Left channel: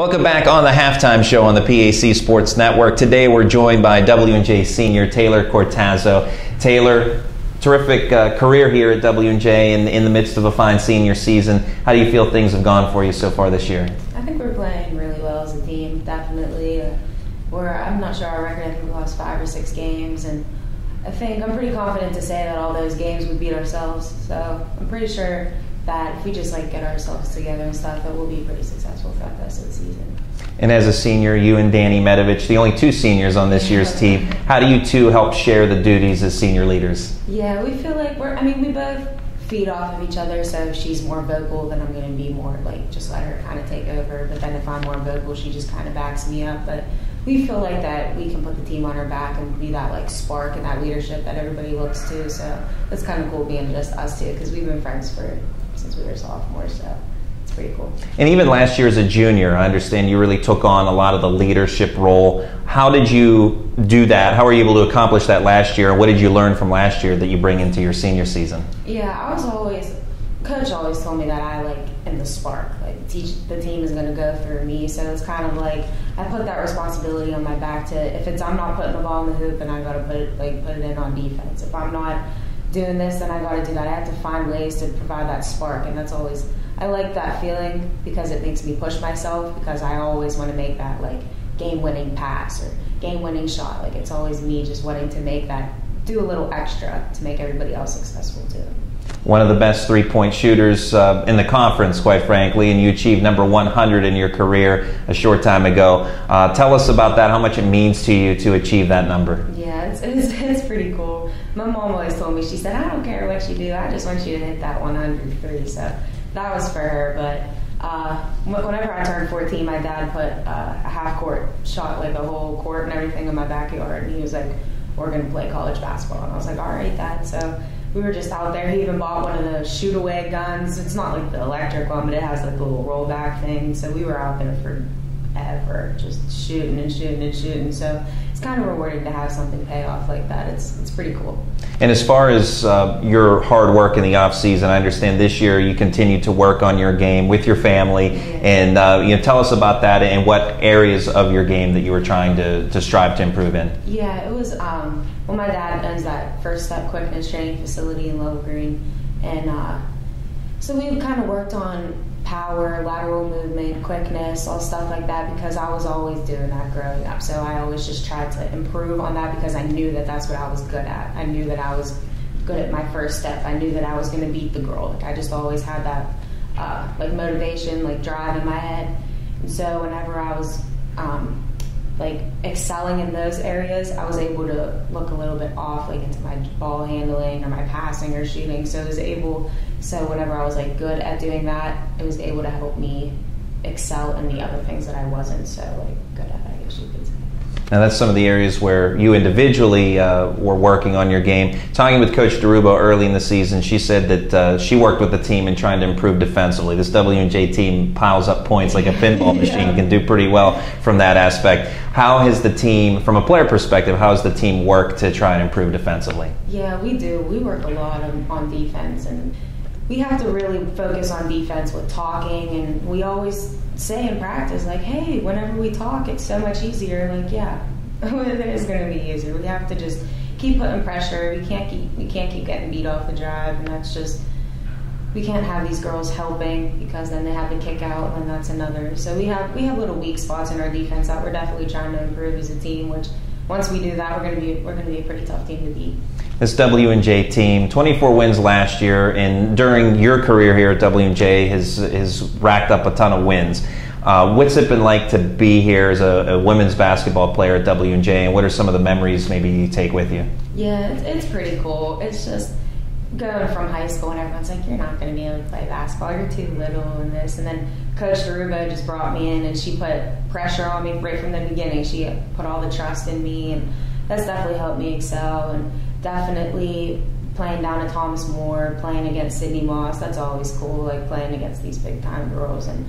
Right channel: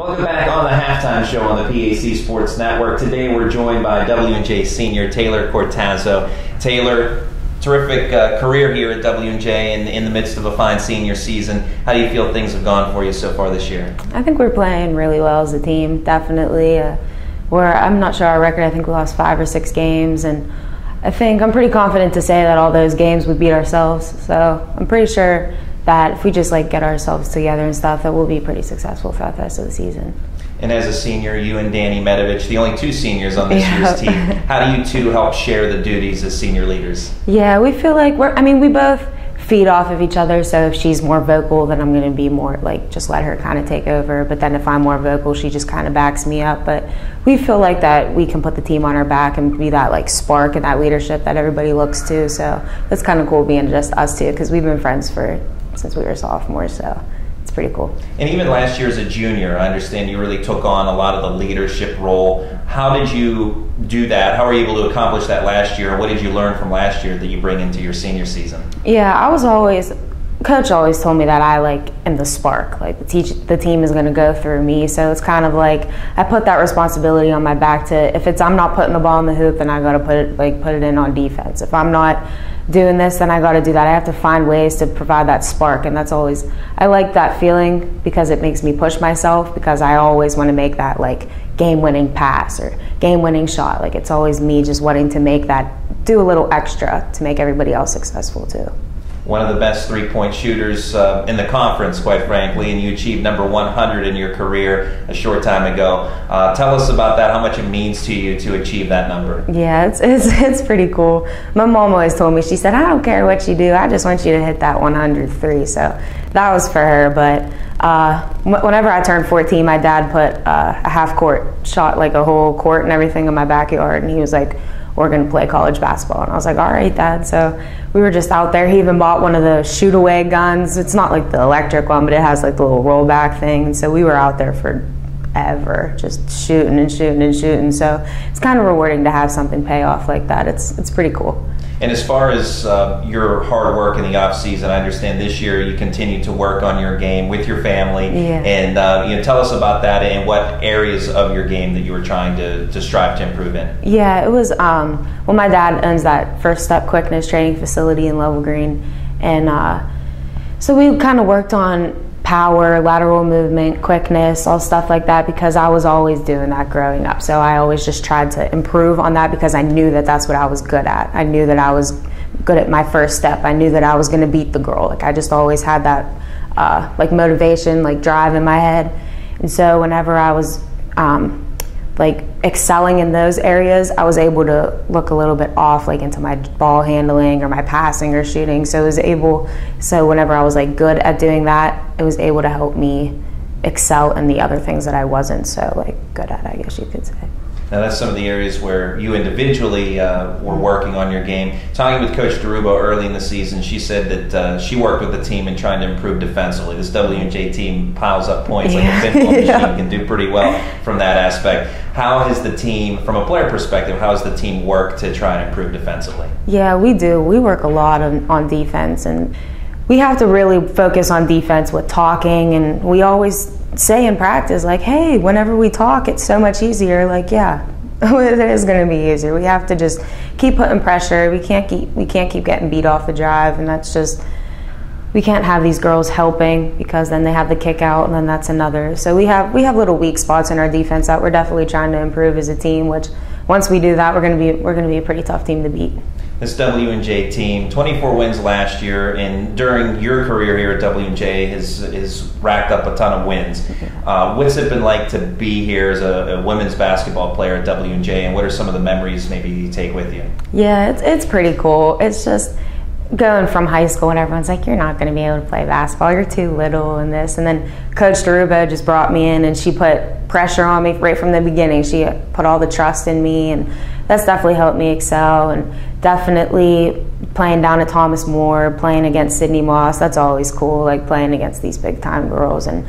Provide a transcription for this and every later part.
Welcome back on the Halftime Show on the PAC Sports Network. Today we're joined by W&J senior Taylor Cortazzo. Taylor, terrific career here at W&J in the midst of a fine senior season. How do you feel things have gone for you so far this year? I think we're playing really well as a team, definitely. I'm not sure our record. I think we lost 5 or 6 games, and I'm pretty confident to say that all those games we beat ourselves. So I'm pretty sure that if we just get ourselves together and stuff, that we'll be pretty successful throughout the rest of the season. And as a senior, you and Danny Medovich, the only 2 seniors on this year's team, how do you two help share the duties as senior leaders? Yeah, we feel like we both feed off of each other, so if she's more vocal, then I'm going to be more just let her kind of take over, but then if I'm more vocal, she just kind of backs me up. But we feel like that we can put the team on our back and be that spark and that leadership that everybody looks to, so it's kind of cool being just us two, because we've been friends since we were sophomores, so it's pretty cool. And even last year as a junior, I understand you really took on a lot of the leadership role. How did you do that? How were you able to accomplish that last year? What did you learn from last year that you bring into your senior season? Yeah, Coach always told me that I am the spark. The team is going to go through me, so it's kind of I put that responsibility on my back to, if I'm not putting the ball in the hoop, then I got to put it in on defense. If I'm not doing this, then I got to do that. I have to find ways to provide that spark, and I like that feeling because it makes me push myself, because I always want to make that game-winning pass or game-winning shot. It's always me just wanting to do a little extra to make everybody else successful too. One of the best three-point shooters in the conference, quite frankly, and you achieved number 100 in your career a short time ago. Tell us about that, how much it means to you to achieve that number. Yeah, it's pretty cool. My mom always told me, she said, I don't care what you do, I just want you to hit that 103. So that was for her, but whenever I turned 14, my dad put a half-court shot, a whole court and everything in my backyard, and he was like, we're going to play college basketball. And I was like, all right, Dad. So we were just out there. He even bought one of the shoot-away guns. It's not the electric one, but it has the little rollback thing. And so we were out there forever, just shooting and shooting and shooting. So it's kind of rewarding to have something pay off like that. It's pretty cool. And as far as your hard work in the off season, I understand this year you continue to work on your game with your family. Yeah. And tell us about that and what areas of your game that you were trying to strive to improve in. Yeah, it was my dad owns that First Step Quickness training facility in Level Green, and so we kind of worked on power, lateral movement, quickness, all stuff like that, because I was always doing that growing up. So I always just tried to improve on that, because I knew that that's what I was good at. I knew that I was good at my first step. I knew that I was going to beat the girl. I just always had that motivation, drive in my head. And so whenever I was excelling in those areas, I was able to look a little bit off into my ball handling or my passing or shooting. So whenever I was good at doing that, it was able to help me excel in the other things that I wasn't so good at, I guess you could say. Now that's some of the areas where you individually were working on your game. Talking with Coach DeRubo early in the season, she said that she worked with the team in trying to improve defensively. This W&J team piles up points like a pinball machine, can do pretty well from that aspect. How has the team, from a player perspective, how has the team worked to try and improve defensively? Yeah, we do. We work a lot on defense, and we have to really focus on defense with talking, and we always say in practice, hey, whenever we talk, it's so much easier. Yeah, it is going to be easier. We have to just keep putting pressure. We can't keep getting beat off the drive, and that's just, we can't have these girls helping, because then they have the kick out, and then that's another. So we have little weak spots in our defense that we're definitely trying to improve as a team, which once we do that, we're going to be a pretty tough team to beat. This W&J team, 24 wins last year, and during your career here at W&J has racked up a ton of wins. What's it been like to be here as a women's basketball player at W&J, and what are some of the memories maybe you take with you? Yeah, it's pretty cool. It's just going from high school and everyone's like, you're not going to be able to play basketball, you're too little and this. And then Coach DeRubo just brought me in, and she put pressure on me right from the beginning. She put all the trust in me, and that's definitely helped me excel. And definitely playing down at Thomas More, playing against Sydney Moss, that's always cool, playing against these big time girls, and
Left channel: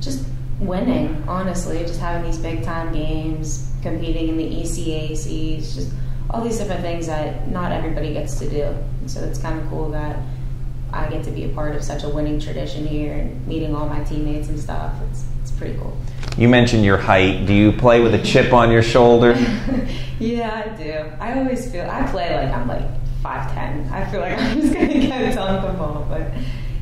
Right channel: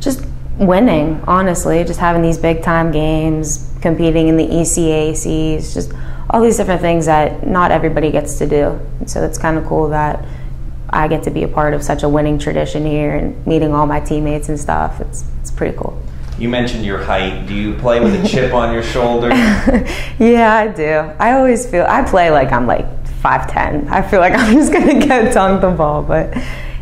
just winning, honestly, just having these big time games, competing in the ECACs, just all these different things that not everybody gets to do. And so it's kind of cool that I get to be a part of such a winning tradition here and meeting all my teammates and stuff. It's pretty cool. You mentioned your height. Do you play with a chip on your shoulder? Yeah, I do. I play like I'm like 5'10". I feel like I'm just going to go dunk the ball. But,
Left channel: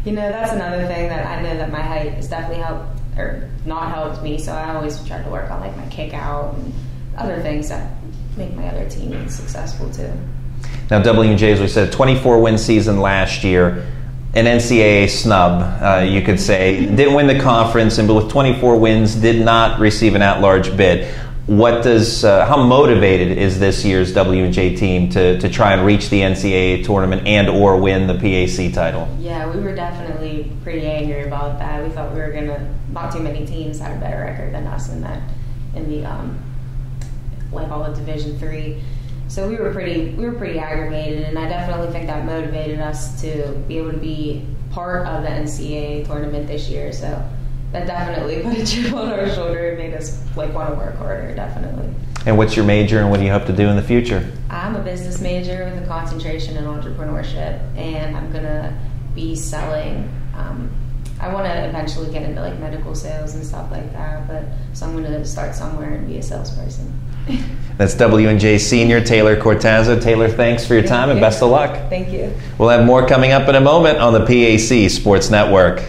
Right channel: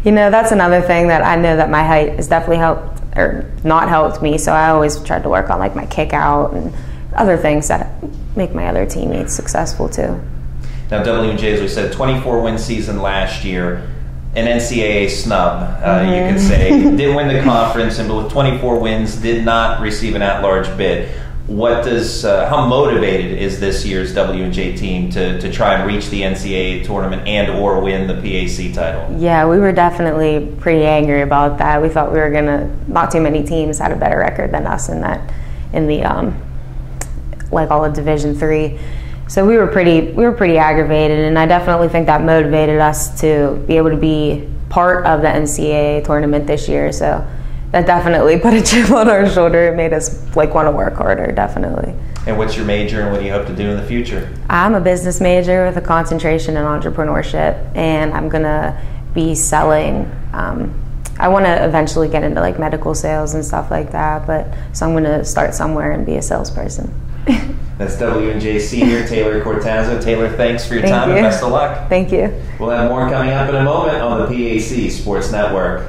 that's another thing that I know that my height has definitely helped or not helped me. So I always tried to work on like my kick out and other things that make my other teammates successful too. Now, W&J, as we said, 24-win season last year. An NCAA snub, you could say. Didn't win the conference, and with 24 wins, did not receive an at-large bid. How motivated is this year's W&J team to try and reach the NCAA tournament and or win the PAC title? Yeah, we were definitely pretty angry about that. We thought we were not too many teams had a better record than us in the like all of Division III. So we were pretty aggravated, and I definitely think that motivated us to be able to be part of the NCAA tournament this year. So that definitely put a chip on our shoulder. It made us like want to work harder, definitely. And what's your major, and what do you hope to do in the future? I'm a business major with a concentration in entrepreneurship, and I'm gonna be selling. I want to eventually get into like medical sales and stuff like that, so I'm gonna start somewhere and be a salesperson. That's W&J senior Taylor Cortazzo. Taylor, thanks for your time and best of luck. Thank you. We'll have more coming up in a moment on the PAC Sports Network.